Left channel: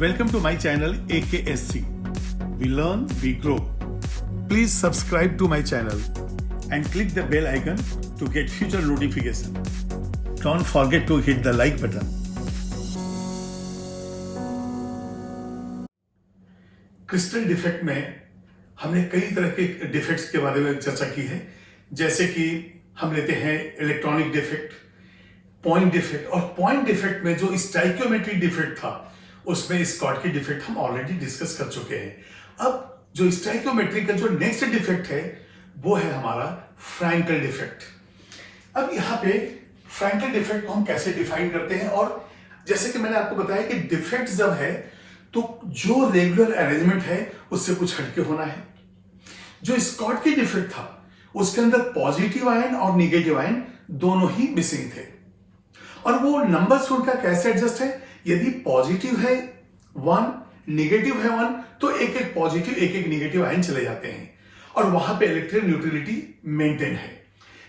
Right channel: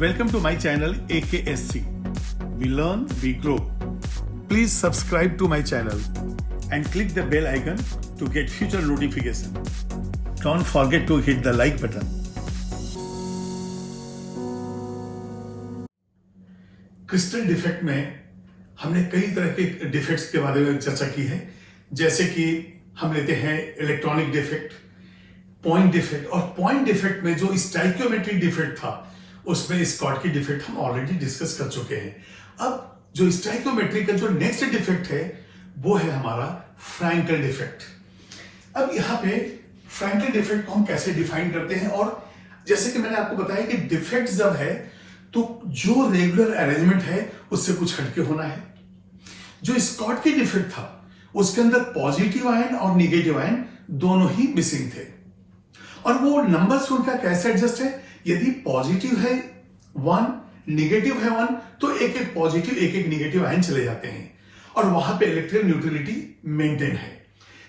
Welcome to my channel AKSC. We learn, we grow. Please subscribe to my channel and click the bell icon to get future notification. Don't forget to hit the like button. Crystal defect में हमने कई तरह के defects के बारे में चर्चा की है, जैसे कि हम लेते हैं इलेक्ट्रॉनिक डिफेक्ट, पॉइंट डिफेक्ट, और पॉइंट डिफेक्ट में जो स्टाइकियोमेट्रिक डिफेक्ट था उसमें स्कॉटकी डिफेक्ट हम ऑलरेडी डिस्कस कर चुके हैं। अब जो स्टाइकियोमेट्रिक का जो नेक्स्ट डिफेक्ट है वो है हमारा फ्रैंकल डिफेक्ट। अब यहाँ पे फ्रैंकल डिफेक्ट को हम कैसे डिफाइन करते हैं, और जैसे कि मैंने आपको बताया कि डिफेक्ट जब है तो जो रेगुलर अरेंजमेंट है उससे कुछ हटके होना है। जो स्कॉटकी डिफेक्ट था उसके अंदर पॉजिटिव आयन और नेगेटिव आयन दोनों ही मिसिंग थे, और वो नंबर्स उनका कैसे एडजस्ट है, यदि पॉजिटिव है 1, नेगेटिव है 1, तो एक एक पॉजिटिव एक एक नेगेटिव आयन चले जाते हैं और वहां पे इलेक्ट्रिकल न्यूट्रलिटी मेंटेन है।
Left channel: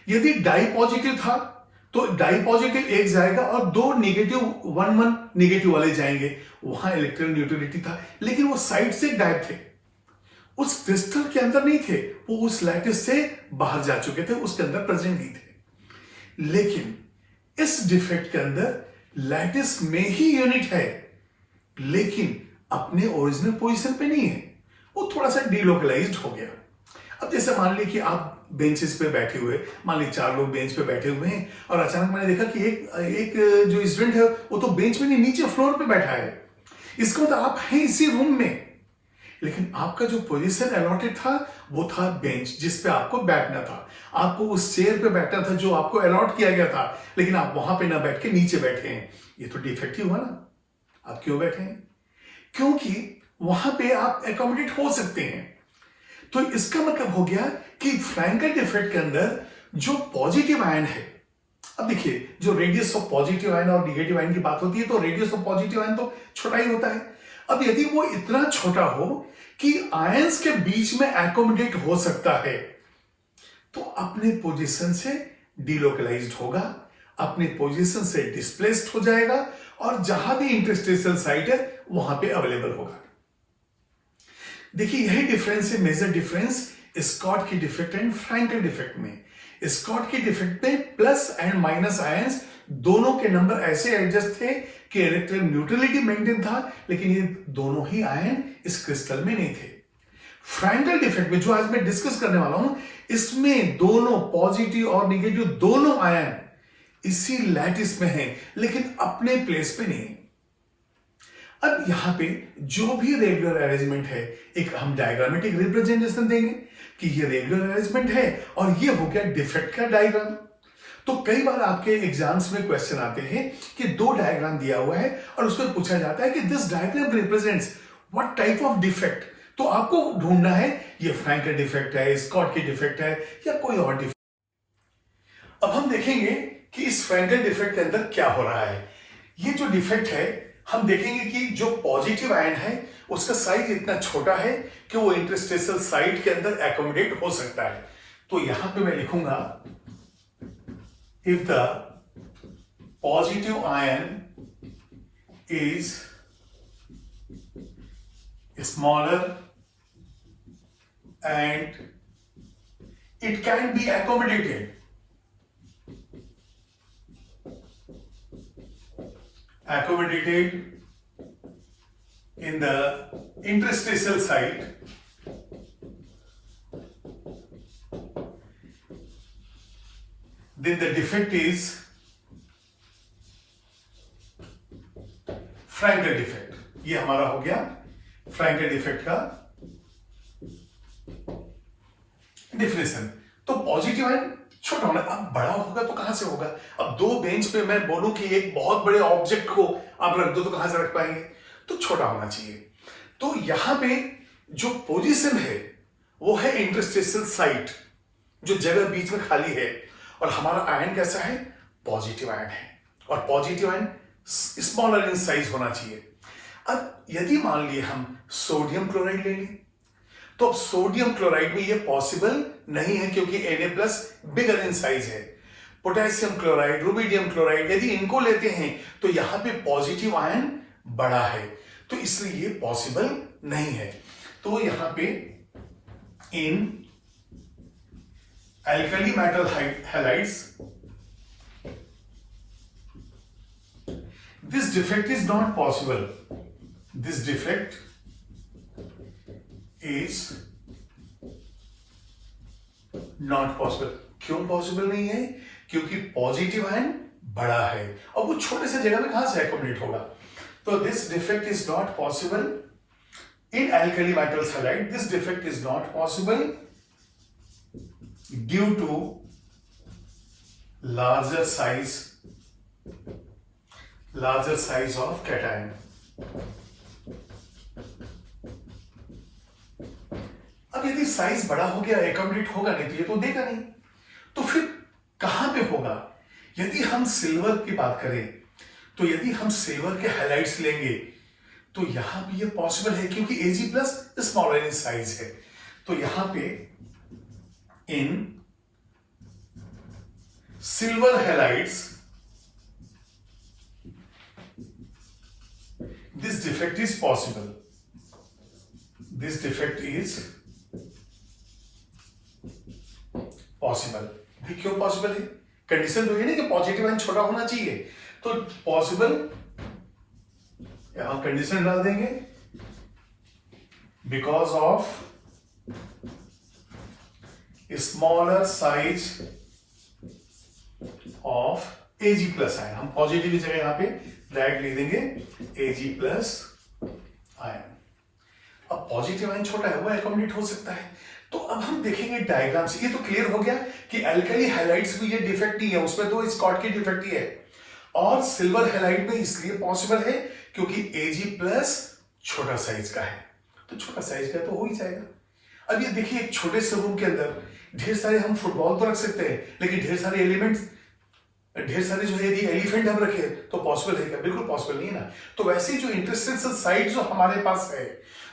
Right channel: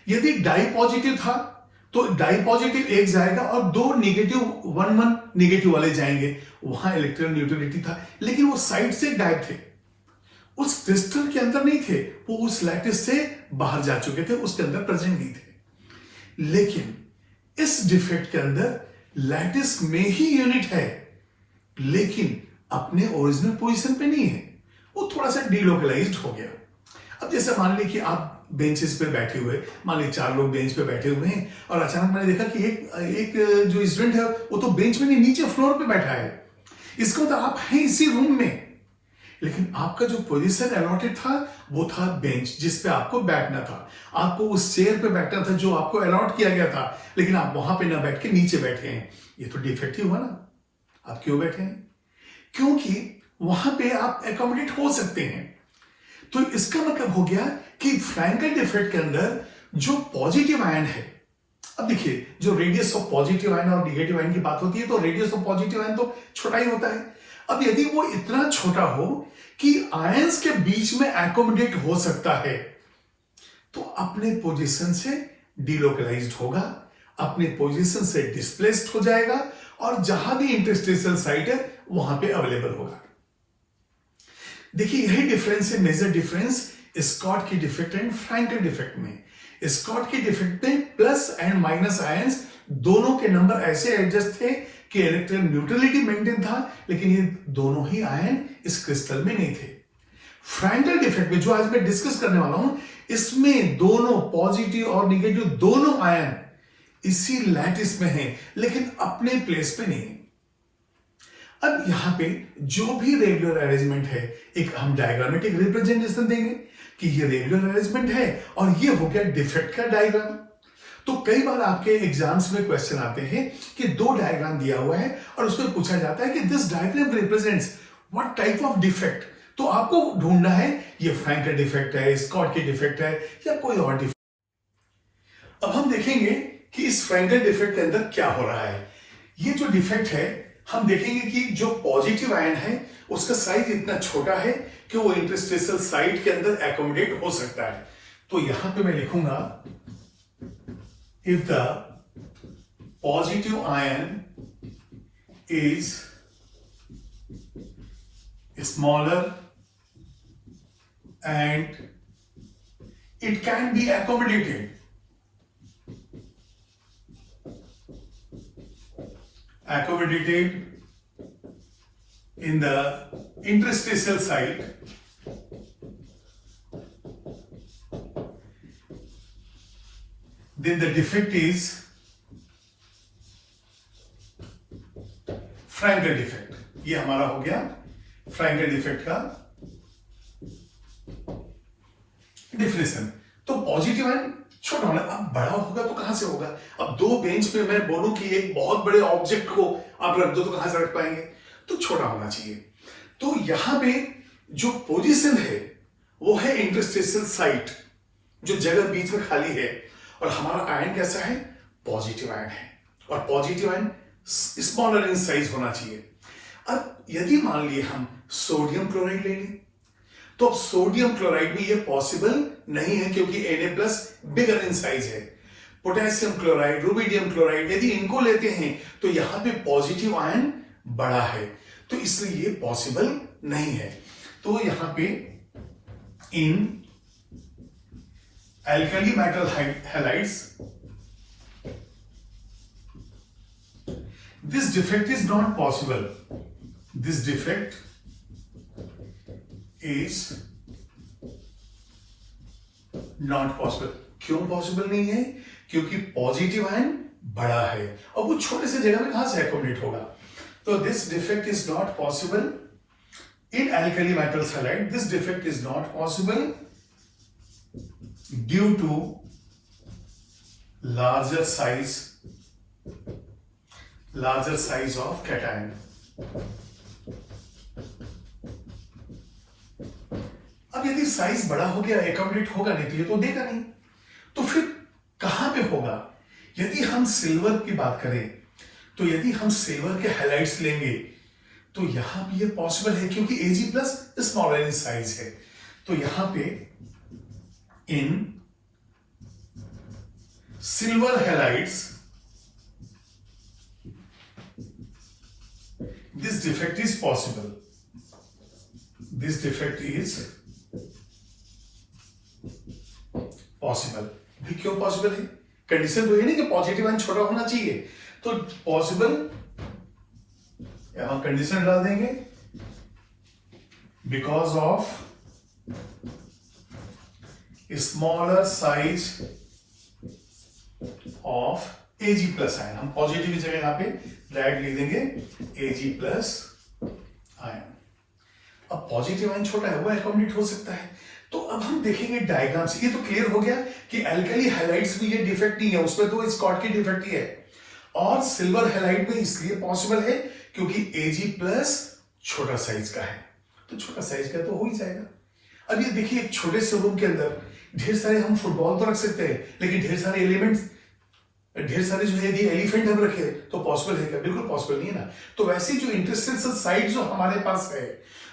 यदि डाई पॉजिटिव था तो डाई पॉजिटिव एक जाएगा और दो नेगेटिव 1 नेगेटिव वाले जाएंगे, वहां इलेक्ट्रिकल न्यूट्रलिटी था, लेकिन वो साइड से गायब थे, उस क्रिस्टल के अंदर नहीं थे, वो उस लैटिस से बाहर जा चुके थे, उसके अंदर प्रेजेंट नहीं थे। लेकिन इस डिफेक्ट के अंदर लैटिस में ही यूनिट है लेकिन अपने ओरिजिनल पोजीशन पे नहीं है, वो थोड़ा सा डिलोकलाइज्ड हो गया। अब जैसे मान ली कि आप बेंचेस पे बैठे हुए, मान ली 4 लोग बेंच पे बैठे हुए हैं और अचानक मैंने देखा कि एक जो स्टूडेंट है वो तो बेंच में नहीं, नीचे फ्लोर पे बैठा है। इसका मतलब आप हैं इसी रूम में, लेकिन आपका जो पोजीशन अलॉटेड था वो था बेंच जिस पे आपको बैठना था, आपको उस चेयर पे बैठना था जो आपको अलॉट किया गया था, लेकिन आप वहां पे ना बैठ के नीचे बैठे हैं। ये तो डिफेक्टिव हुआ ना। आप क्यों बैठे हैं? क्योंकि वहां पे आप एकोमोडेट हो सकते हैं। तो इसका मतलब हो गया कि फ्रैंकल डिफेक्ट के अंदर जो पॉजिटिव आयन है, अब देखिए जो रेडियस ऑफ पॉजिटिव आयन और नेगेटिव आयन की बात होती है तो रेडियस ऑफ पॉजिटिव आयन तो छोटा ही होता है। अब यदि वो इतना छोटा हो कि आयंस के बीच में एकोमोडेट हो सकता है तो अपने पोजीशन से डिलोकलाइज्ड होगा, अपने पोजीशन से डिस्प्लेस्ड हो जाएगा और जहां भी इंटरस्टेशियल साइट है वहां पे अवेलेबल होगा। देखिए यही डिफरेंस है, major difference Schottky defect and Frenkel defect में। स्कॉटकी डिफेक्ट में प्लस एंड माइनस आयंस दोनों के नंबर ऐसे एडजस्ट थे कि इलेक्ट्रिकल न्यूट्रलिटी मेंटेन था, लेकिन ये दोनों ही आयन इस क्रिस्टल में नहीं थे। फ्रैंकल डिफेक्ट में जो आज मैं डिस्कस करने वाला हूं, इसमें दोनों पॉजिटिव और नेगेटिव दोनों आयन इसी लैटिस में हैं, लेकिन अपने प्लेस पे नहीं। अब यहां पे जो भी रेगुलर अरेंजमेंट है, एक हम डायग्रामेटिक रिप्रेजेंटेशन देंगे कि ये रेगुलर अरेंजमेंट है और ये हो गया डिफेक्ट का डायग्राम। तो कई बार आपके एग्जाम्स में क्वेश्चन आते हैं कि 2 डायग्राम दिया हुआ है और उसमें पूछा जाता है कि this diagram represents what type of defect. तो आपको ढूंढना है ये फ्रैंकल डिफेक्ट है, स्कॉटकी डिफेक्ट है या कोई और डिफेक्ट। अब हम देखेंगे कि इस फ्रैंकल डिफेक्ट के अंदर क्या हो रहा है। ये जो डिफेक्ट है हम देखेंगे कि जो पॉजिटिव आयन है उसका साइज इतना छोटा है कि वो इंटरस्टेशियल साइट के अंदर एकोमोडेट हो सकता है। तो यहां पे मैं लिखूंगा if the positive ion is smaller and it can be accommodated in the interstitial site, then the defect is Frenkel defect. ये हमारा हो गया फ्रैंकल डिफेक्ट का डिफिनेशन। तो पॉजिटिव आयन छोटा होना, अब बड़ा होगा तो कहां से होगा। अब 2 बेंच पे मैं बोलूं कि एक बहुत बड़े ऑब्जेक्ट को आप रख दो तो कहां से रख पाएंगे, तो छोटा होना चाहिए। तो यहां पे जो पोजीशन है वो है इंटरस्टेशियल साइट, जो जगह बीच में खाली है, और हमारा आयन कैसा है, पॉजिटिव आयन है, और positive ion smaller in size होना चाहिए। अब यदि मान लिए हम सोडियम क्लोराइड लेंगे तो अब सोडियम क्लोराइड में ये पॉसिबल नहीं है क्योंकि Na+ बिगर इन साइज है। पोटेशियम क्लोराइड, रुबिडियम क्लोराइड, यदि इनको लेते हैं तो यहां पे पॉजिटिव आयन बड़ा है, तो इसलिए ये पॉसिबल नहीं है। तो यहां पे इन alkali metal halides this defect is not possible. This defect is not possible. क्यों पॉसिबल नहीं है? क्योंकि पॉजिटिव आयन बड़ा है और वो छोटे से जगह में कहां से एकोमोडेट होगा। तो this defect is not possible in alkali metals halide. This defect is not possible due to larger size of cation. अब यदि साइज बड़ा हो गया, एकोमोडेट होगा नहीं तो ये तो देगा नहीं, तो फिर कहां पे होगा? यदि हम सिल्वर की बात करें तो यदि हम सिल्वर के हाइलाइट्स लेंगे तो यहां पे ये पॉसिबल है क्योंकि Ag plus smaller in size है। तो यहां पे in silver halides this defect is possible. This defect is possible. भी क्यों पॉसिबल है? कंडीशन तो ये नहीं कि पॉजिटिव आयन छोटा होना चाहिए, तो पॉसिबल यहां कंडीशन डाल देंगे because of smaller size of Ag plus ion. हम पॉजिटिव की जगह यहां पे डायरेक्ट लिख देंगे Ag प्लस आयन। अब पॉजिटिव आयन छोटा है, वो एकोमोडेट हो सकता है। तो अब हम देखेंगे डायग्राम से, ये तो क्लियर हो गया कि एल्कली हैलाइड्स में ये डिफेक्ट नहीं है, उसमें तो स्कॉट की डिफेक्ट ही है। और सिल्वर हैलाइड में इसलिए पॉसिबल है क्योंकि Ag प्लस छोटा साइज का है, तो छोटा साइज का तो हो ही जाएगा। अब ये देखिए, एक छोटे से रूम के अंदर ढेर सारे हम फुटबॉल तो रख सकते हैं, लेकिन ढेर सारे एलिमेंट्स, ढेर सारे जो है एलिफेंट हम रखे तो पॉसिबल है क्या? बिल्कुल पॉसिबल नहीं ना। तो वैसे जो इंटरस्टेशियल साइड जो हमारे पास है,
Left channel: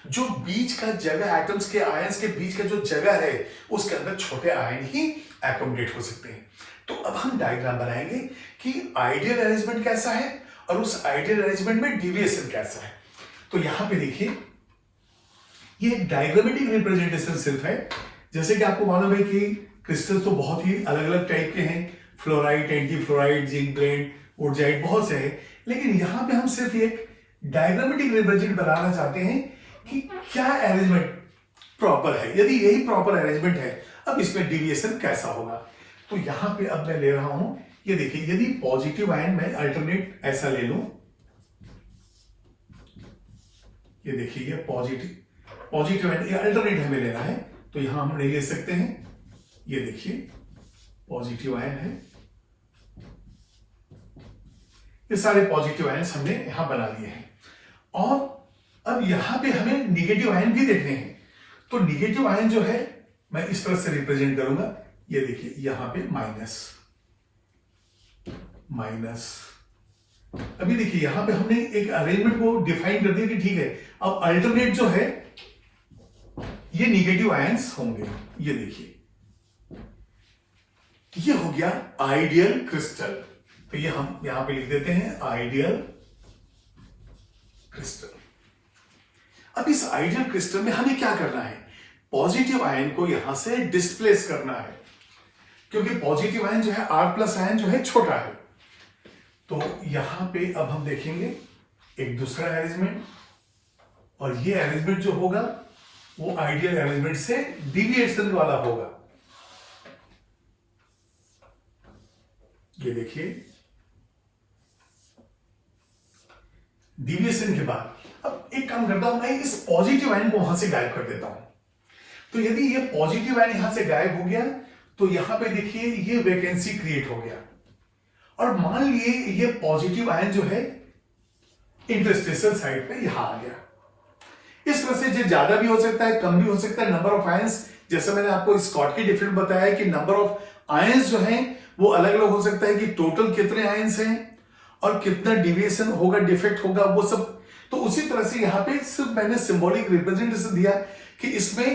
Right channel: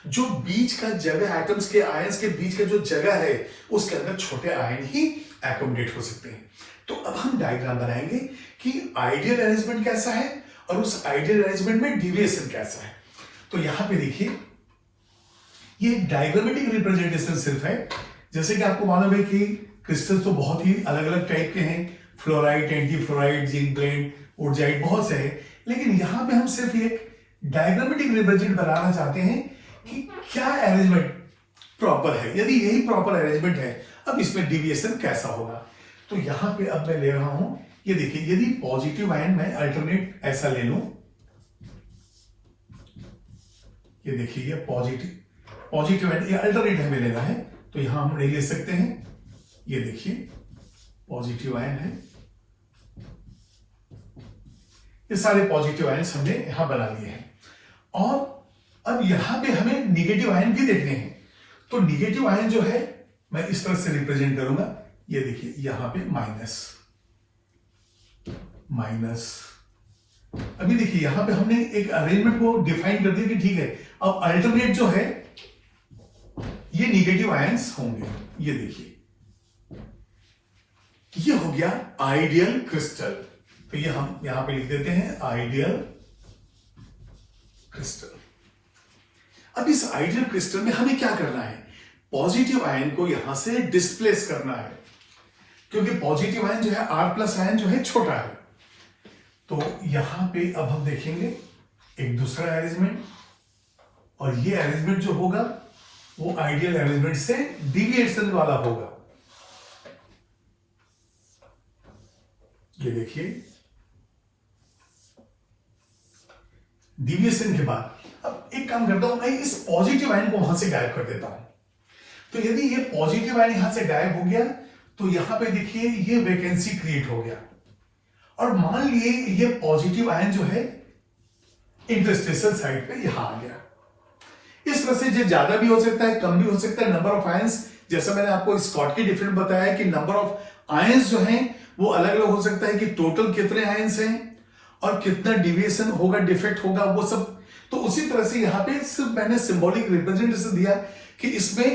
जो बीच का जगह, एटम्स के आयंस के बीच का जो जगह है, उसके अंदर छोटे आयन ही एकोमोडेट हो सकते हैं। तो अब हम डायग्राम बनाएंगे कि आइडियल अरेंजमेंट कैसा है और उस आइडियल अरेंजमेंट में डिविएशन कैसा है। तो यहां पे देखिए, ये एक डायग्रामेटिक रिप्रेजेंटेशन सिर्फ है। जैसे कि आपको मालूम है कि क्रिस्टल तो बहुत ही अलग अलग टाइप के हैं, fluoride, anti fluoride, zinc blende, ऊर्जाइड, बहुत से हैं। लेकिन यहां पे हम सिर्फ एक डायग्रामेटिक रिप्रेजेंट बनाना चाहते हैं कि क्या अरेंजमेंट प्रॉपर है। यदि यही प्रॉपर अरेंजमेंट है, अब इसमें डिविएशन कैसा होगा। तो यहां पे अब मैं ले रहा हूं, ये देखिए, यदि पॉजिटिव आयन मैं अल्टरनेट ऐसा ले लूं, ये देखिए, ये पॉजिटिव आयन ये अल्टरनेट हमें लेना है, तो यहां हम नहीं ले सकते हैं। ये देखिए, पॉजिटिव आयन है, ये सारे पॉजिटिव आयन हमने यहां बना लिए हैं। और अब यहां पे हमें निगेटिव आयन भी देखने हैं। तो निगेटिव आयन जो है मैं इस तरह से रिप्रेजेंट करूंगा, ये देखिए, यहां पे माइनस। अभी देखिए, यहां पे हमने एक अरेंजमेंट को डिफाइन कर दिया कि ठीक है, अब अल्टरनेट जो है ये निगेटिव आयंस होंगे। ये देखिए, ये हो गया आइडियल क्रिस्टल। तो ये हम यहां पे लिख देते हैं आइडियल क्रिस्टल। अब इस आइडियल क्रिस्टल में हमें क्या करना है? पॉजिटिव आयन को यहां से डिस्प्लेस करना है, क्योंकि पॉजिटिव आयन जो है, R प्लस आयन जो है, छोटा है। तो यहां पे अब हम देखेंगे एक दूसरा अरेंजमेंट, और ये अरेंजमेंट जो होगा वो आइडियल अरेंजमेंट से डिविएशन वाला होगा। ये देखिए, डिविएशन के बाद अब एक काम करता हूं, मैं इस पॉजिटिव आयन को वहां से गायब कर देता हूं। तो यदि ये पॉजिटिव आयन यहां से गायब हो गया, तो यहां पे देखिए ये वैकेंसी क्रिएट हो गया। और मान लिए ये पॉजिटिव आयन जो है इंटरस्टेशियल साइड पे यहां आ गया। इस तरह से जो ज्यादा भी हो सकता है, कम भी हो सकता है। नंबर ऑफ आयंस, जैसे मैंने आपको स्कॉट की डिफरेंट बताया कि नंबर ऑफ आयंस जो हैं वो अलग अलग हो सकता है कि टोटल कितने आयंस हैं और कितना डिविएशन होगा, डिफेक्ट होगा, वो सब। तो उसी तरह से यहां पे सिर्फ मैंने सिंबॉलिक रिप्रेजेंटेशन दिया कि इसमें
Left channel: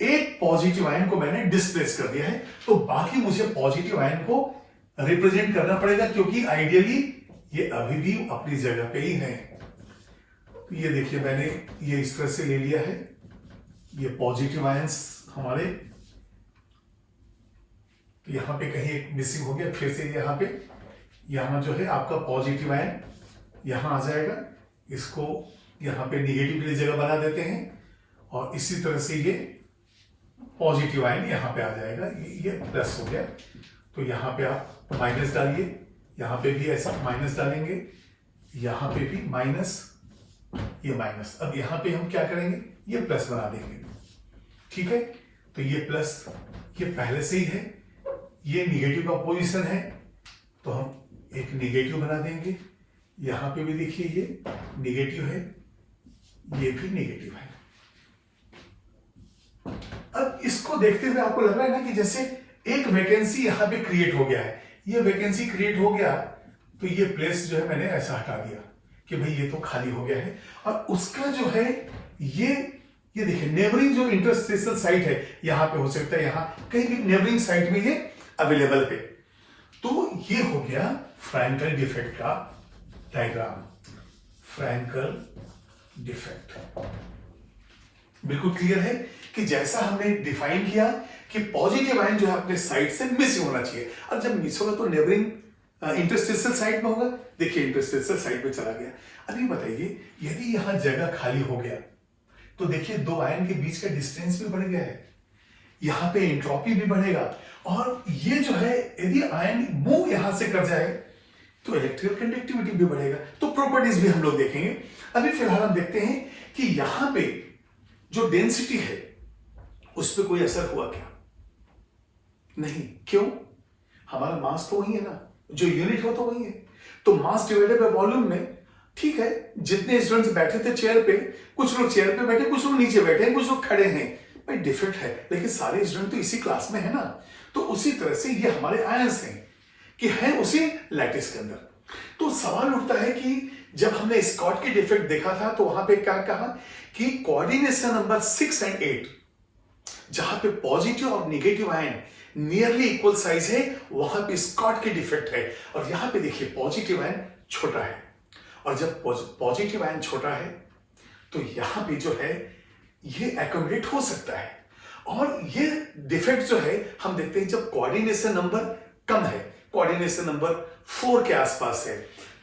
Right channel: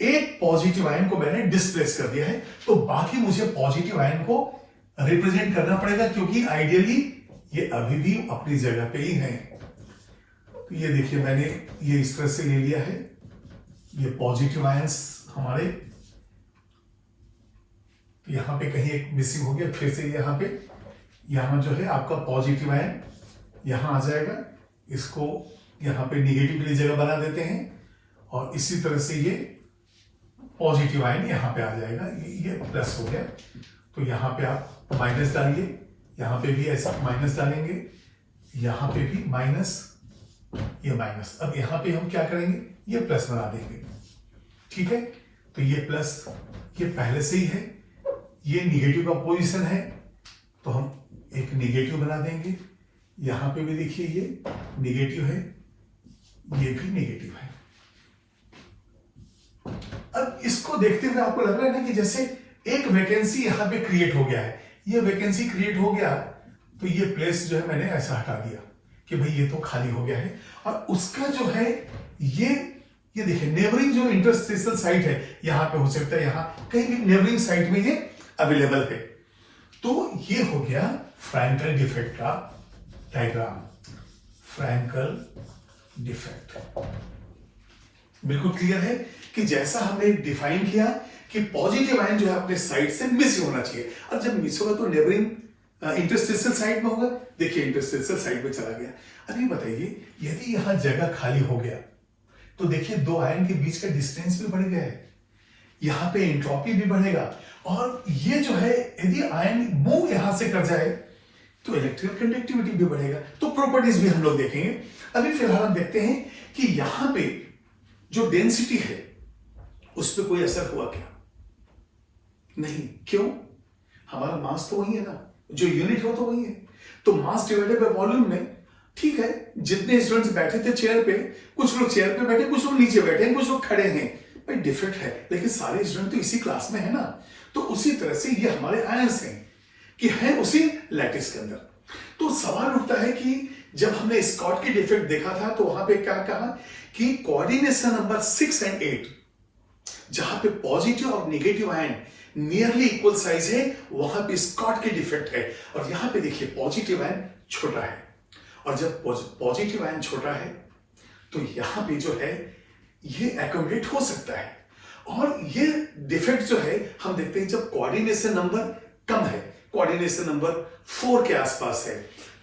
एक पॉजिटिव आयन को मैंने डिस्प्लेस कर दिया है, तो बाकी मुझे पॉजिटिव आयन को रिप्रेजेंट करना पड़ेगा, क्योंकि आइडियली ये अभी भी अपनी जगह पे ही है। ये देखिए मैंने ये इस तरह से ले लिया है, ये पॉजिटिव आयंस हमारे, यहां पे कहीं एक मिसिंग हो गया, फिर से यहां जो है आपका पॉजिटिव आयन यहां आ जाएगा, इसको यहां पे निगेटिव की जगह बना देते हैं और इसी तरह से ये पॉजिटिव आयन यहां पे आ जाएगा, ये प्लस हो गया। तो यहां पे आप माइनस डालिए, यहां पे भी ऐसा माइनस डालेंगे, यहां पे भी माइनस, ये माइनस। अब यहां पे हम क्या करेंगे, ये प्लस बना देंगे, ठीक है। तो ये प्लस ये पहले से ही है, ये निगेटिव का पोजीशन है तो हम एक निगेटिव बना देंगे, यहां पे भी देखिए ये निगेटिव है, ये भी निगेटिव है। अब इसको देखते हुए आपको लग रहा है ना कि जैसे एक वैकेंसी यहां पे क्रिएट हो गया है, ये वैकेंसी क्रिएट हो गया तो ये प्लेस जो है मैंने ऐसा हटा दिया कि भाई ये तो खाली हो गया है, और उसका जो है ये देखिए नेबरिंग जो इंटरस्टेशियल साइट है यहां पे हो सकता है, यहां कहीं भी नेबरिंग साइट में ये अवेलेबल है। तो ये हो गया फ्रैंकल डिफेक्ट का डायग्राम, फ्रैंकल डिफेक्ट। बिल्कुल क्लियर है कि जैसा हमने डिफाइन किया कि पॉजिटिव आयन जो है अपने साइड से मिस होना चाहिए, और जब मिस होगा तो नेबरिंग इंटरस्टेशियल साइट में होगा। देखिए इंटरस्टेशियल साइट में चला गया। अभी बताइए यदि यहां जगह खाली हो गया तो देखिए दो आयन के बीच का डिस्टेंस भी बढ़ गया है, यहां पे एंट्रोपी भी बढ़ेगा, और ये जो है यदि आयन मूव यहां से कर जाए तो इलेक्ट्रिकल कंडक्टिविटी भी बढ़ेगा। तो प्रॉपर्टीज भी हम लोग देखेंगे। अभी फिलहाल हम देखते हैं कि यहां पे जो डेंसिटी है उस पर कोई असर हुआ क्या? नहीं। क्यों? हमारा मास तो वही है ना, जो यूनिट हो तो वही है। तो मास डिवाइडेड बाय वॉल्यूम में ठीक है, जितने स्टूडेंट्स बैठे थे चेयर पे, कुछ लोग चेयर पे बैठे, कुछ लोग नीचे बैठे हैं, कुछ लोग खड़े हैं, भाई डिफरेंट है, लेकिन सारे स्टूडेंट तो इसी क्लास में है ना। तो उसी तरह से ये हमारे आयंस हैं कि है उसी लैटिस के अंदर। तो सवाल उठता है कि जब हमने स्कॉट की डिफेक्ट देखा था तो वहां पे क्या कहा कि कोऑर्डिनेशन नंबर 6 एंड 8 जहां पे पॉजिटिव और negative ion nearly equal size है, वहां पे स्कॉट की डिफेक्ट है। और यहां पे देखिए पॉजिटिव आयन छोटा है, और जब पॉजिटिव आयन छोटा है तो यहां पे जो है ये एकोमोडेट हो सकता है। और ये डिफेक्ट जो है हम देखते हैं जब कोऑर्डिनेशन नंबर कम है, कोऑर्डिनेशन नंबर 4 के आसपास है,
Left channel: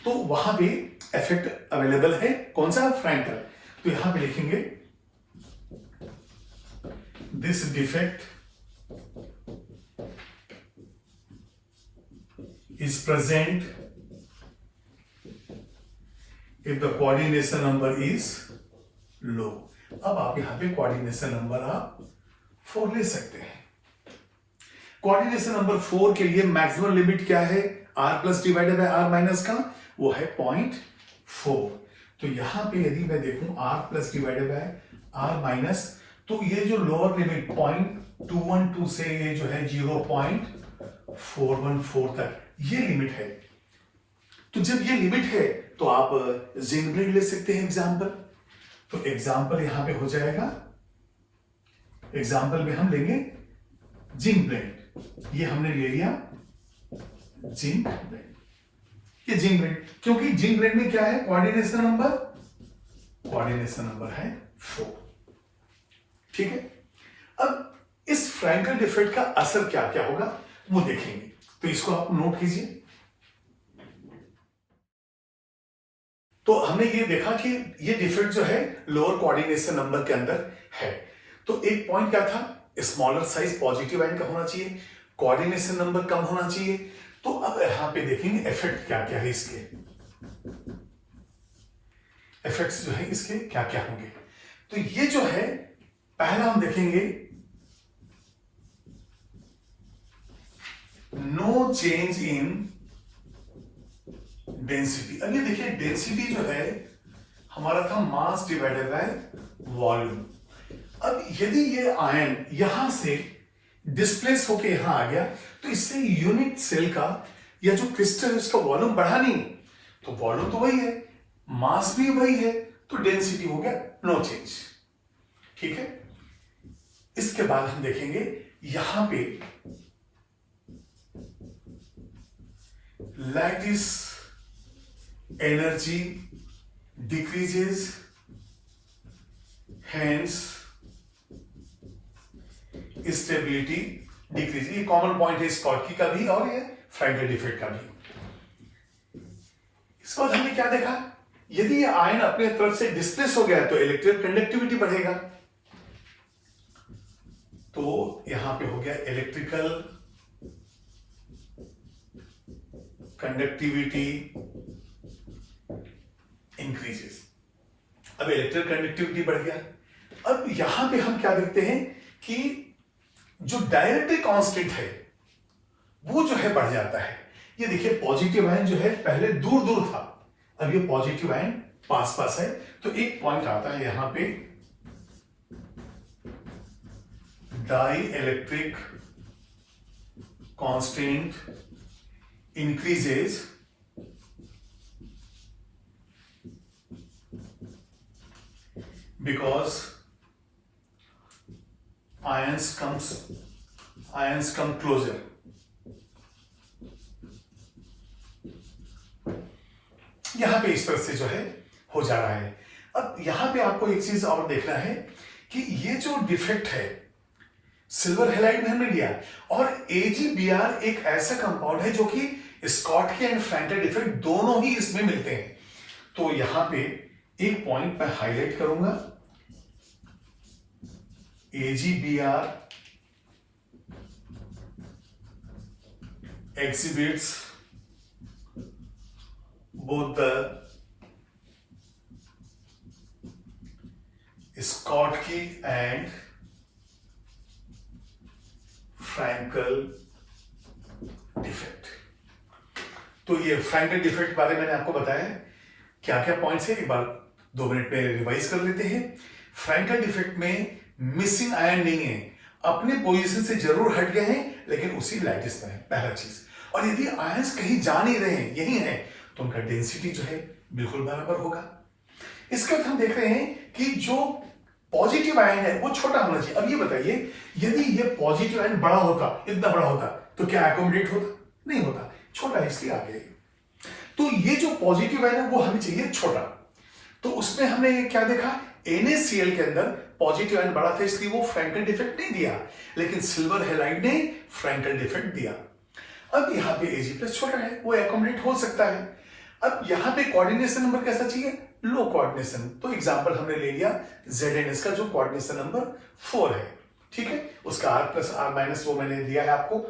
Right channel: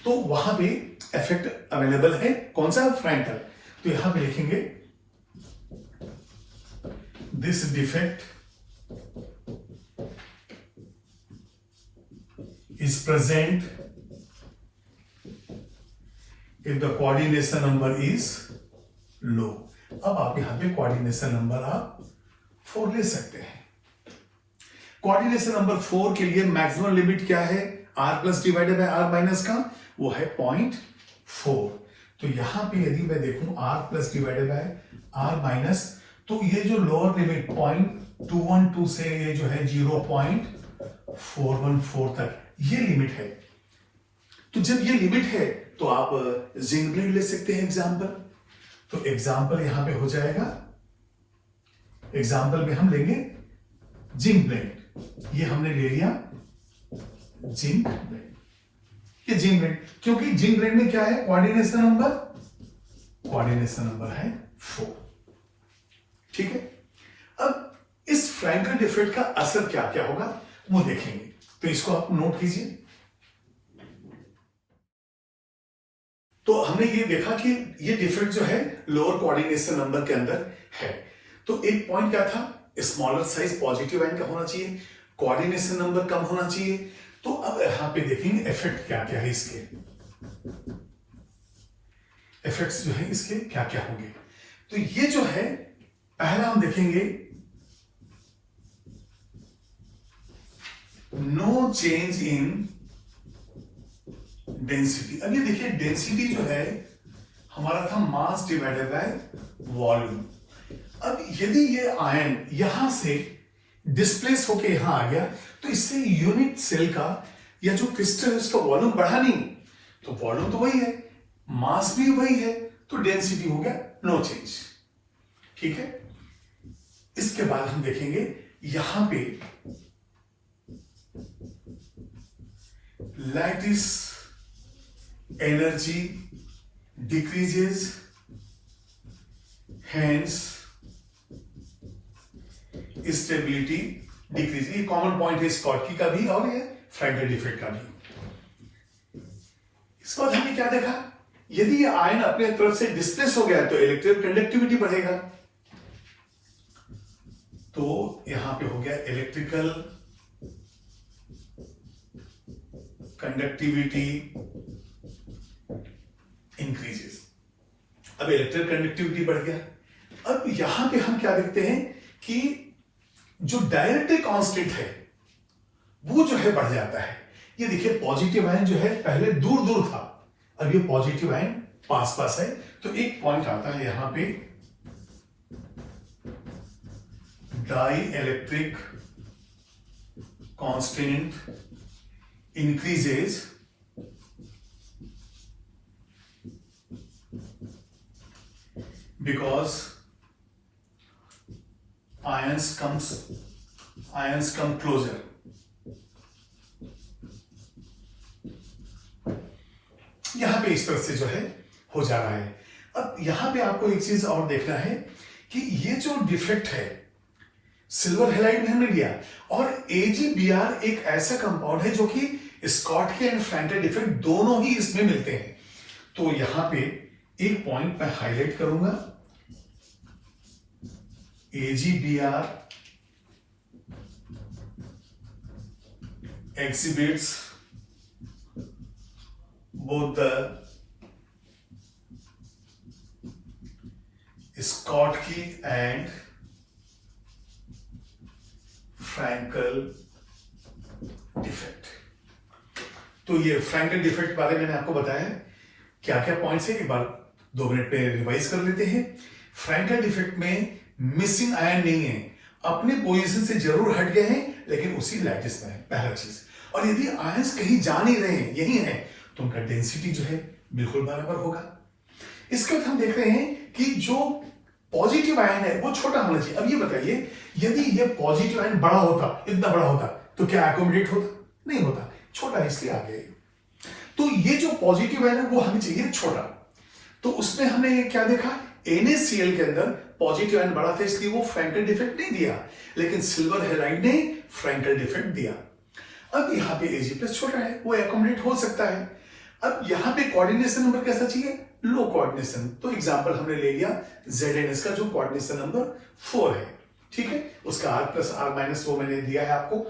तो वहां भी इफेक्ट अवेलेबल है। कौन सा? फ्रैंकल। तो यहां पे लिखेंगे this defect is present if the coordination number is low। अब आप यहां पे कोऑर्डिनेशन नंबर आप 4 ले सकते हैं। कोऑर्डिनेशन नंबर 4 के लिए मैक्सिमम लिमिट क्या है? r plus divided by r minus का, वो है 0.4। तो यहां पे यदि मैं देखूं r plus divided by r minus, तो ये जो लोअर लिमिट 0.212 से ये जो है 0.414 तक ये लिमिट है। तो जब ये लिमिट है तो आप जिंक ब्लेड ले सकते हैं एग्जाम्पल। तो एग्जाम्पल यहां पे हो जाएगा, एग्जाम्पल में हम लेंगे जिंक ब्लेड। ये हमने ले लिया जिंक ब्लेड, ये जिंक ब्लेड, क्योंकि जिंक ब्लेड में क्या है? कोऑर्डिनेशन नंबर है 4। ठीक है। अब इस फ्रैंकल डिफेक्ट का असर क्या क्या होगा वो देखेंगे, तो इसको आप नोट कीजिए। तो हमने ये देखा कि ये डिफेक्ट जो है लोअर कोऑर्डिनेशन नंबर के अंदर है। तो एक पॉइंट क्या था? स्मॉलर साइज पॉजिटिव आयन का होना चाहिए, कोऑर्डिनेशन नंबर कम होना चाहिए। तो अब यहां पे देखेंगे इफेक्ट क्या क्या है, इसके इफेक्ट्स जो है इसके क्या क्या होंगे। तो ये जो है पहला हम देखेंगे नो चेंज इन डेंसिटी। अब ये देखिए डेंसिटी जो है हमारा था मास डिवाइडेड बाय वॉल्यूम। अब यदि ये आयन यहां से डिस्प्लेस होके यहां आ गया तो इससे यूनिट सेल का या जो क्रिस्टल है उसका वॉल्यूम बढ़ा नहीं, तो वॉल्यूम तो वही है, मास भी वही है, तो डेंसिटी हो गया नो चेंज। ठीक है। इसके बाद हम देखेंगे यहां पे lattice energy decreases hence stability decrease. ये कॉमन पॉइंट है स्कॉटकी का भी और ये फ्रैंकल डिफेक्ट का भी। इसके बाद हमने क्या देखा, यदि ये आयन अपने तरफ से डिस्प्लेस हो गया तो इलेक्ट्रिकल कंडक्टिविटी बढ़ेगा। तो यहां पे हो गया इलेक्ट्रिकल कंडक्टिविटी इंक्रीजेस। अब इलेक्ट्रिकल कंडक्टिविटी बढ़ गया। अब यहां पे हम क्या देखते हैं कि जो डायरेक्ट्रिक कांस्टेंट है वो जो है बढ़ जाता है। ये देखिए पॉजिटिव आयन जो है पहले दूर दूर था, अब ये पॉजिटिव आयन पास पास है। तो एक पॉइंट आता है यहां पे dielectric constant increases because ions come closer। यहां पे इस तरह से जो है हो जा रहा है। अब यहां पे आपको एक चीज और देखना है कि ये जो डिफेक्ट है सिल्वर हैलाइड में हमने लिया, और AgBr एक ऐसा कंपाउंड है जो कि स्कॉटकी एंड फ्रैंकल डिफेक्ट दोनों ही इसमें मिलते हैं। तो यहां पे एक पॉइंट मैं हाईलाइट करूंगा, AgBr exhibits both the Schottky and Frankel defect. तो ये फ्रैंकल डिफेक्ट बारे में मैंने आपको बताया क्या क्या पॉइंट्स है, एक बार 2 मिनट में रिवाइज कर लेते हैं। फ्रैंकल डिफेक्ट में मिसिंग आयन नहीं है, अपने पोजीशन से जरूर हट गए हैं लेकिन उसी लैटिस में है, पहला चीज। और यदि आयंस कहीं जा नहीं रहे हैं, यही है, तो उनका डेंसिटी जो है बिल्कुल बराबर होगा। इसके बाद हम देख रहे हैं कि जो पॉजिटिव आयन है वो छोटा होना चाहिए। अब ये बताइए, यदि ये पॉजिटिव आयन बड़ा होता, इतना बड़ा होता, तो क्या एकोमोडेट होता? नहीं होता, छोटा इसलिए आ गया। तो ये जो पॉजिटिव आयन है वो हमें चाहिए छोटा। तो उसमें हमने ये क्या देखा, NaCl के अंदर पॉजिटिव आयन बड़ा था इसलिए वो फ्रैंकल डिफेक्ट नहीं दिया, लेकिन सिल्वर हैलाइड ने फ्रैंकल डिफेक्ट दिया। अब यहाँ पे Ag+ छोटा है, वो एकोमोडेट हो सकता है। अब यहाँ पे कोऑर्डिनेशन नंबर कैसा चाहिए? लो कोऑर्डिनेशन। तो एग्जांपल हमने ले लिया ZnS का जो कोऑर्डिनेशन नंबर 4 है, ठीक है, उसका R+R- वो मैंने दिया है आपको।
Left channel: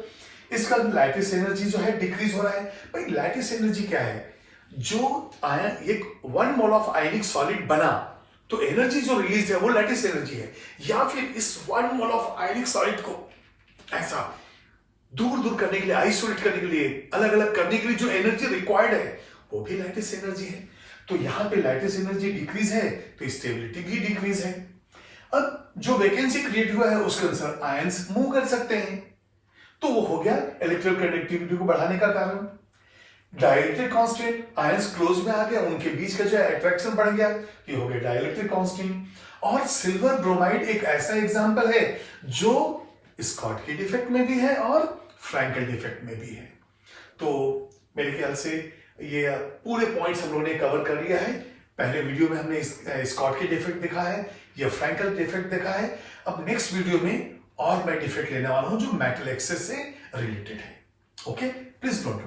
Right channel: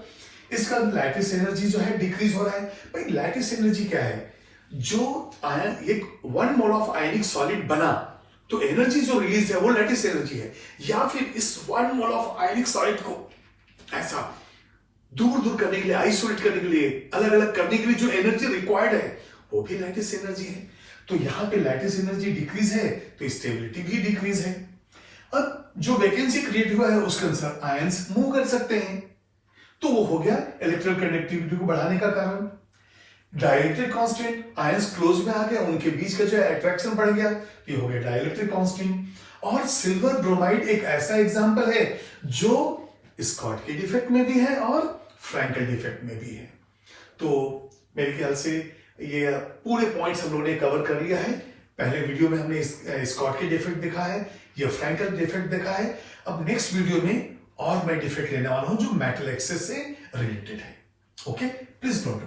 इसका लैटिस एनर्जी जो है डिक्रीज हो रहा है। भाई लैटिस एनर्जी क्या है? जो आयन एक 1 मोल ऑफ आयनिक सॉलिड बना तो एनर्जी जो रिलीज है वो लैटिस एनर्जी है, या फिर इस 1 मोल ऑफ आयनिक सॉलिड को ऐसा दूर दूर करने के लिए, आइसोलेट करने के लिए, अलग अलग करने के लिए जो एनर्जी रिक्वायर्ड है वो भी लैटिस एनर्जी है। तो यहां पे लैटिस एनर्जी डिक्रीज है तो स्टेबिलिटी भी डिक्रीज है। अब जो वैकेंसी क्रिएट हुआ है उसके अनुसार आयंस मूव कर सकते हैं, तो वो हो गया इलेक्ट्रिकल कंडक्टिविटी को बढ़ाने का कारण। डाइलेक्ट्रिक कांस्टेंट, आयंस क्लोज में आ गया, उनके बीच का जो अट्रैक्शन बढ़ गया, ये हो गया डाइलेक्ट्रिक कांस्टेंट। और सिल्वर ब्रोमाइड एक ऐसा एग्जांपल है जो स्कॉटकी डिफेक्ट में भी है और फ्रैंकल डिफेक्ट में भी है। तो मेरे ख्याल से ये पूरे पॉइंट्स हम लोगों ने कवर कर लिया है। पहले वीडियो में हमने स्कॉटकी डिफेक्ट देखा है, या फ्रैंकल डिफेक्ट देखा है। अब नेक्स्ट वीडियो में और मैं डिफेक्ट लेने वाला हूं जो मेटल एक्सेस से रिलेटेड है। Okay, please don't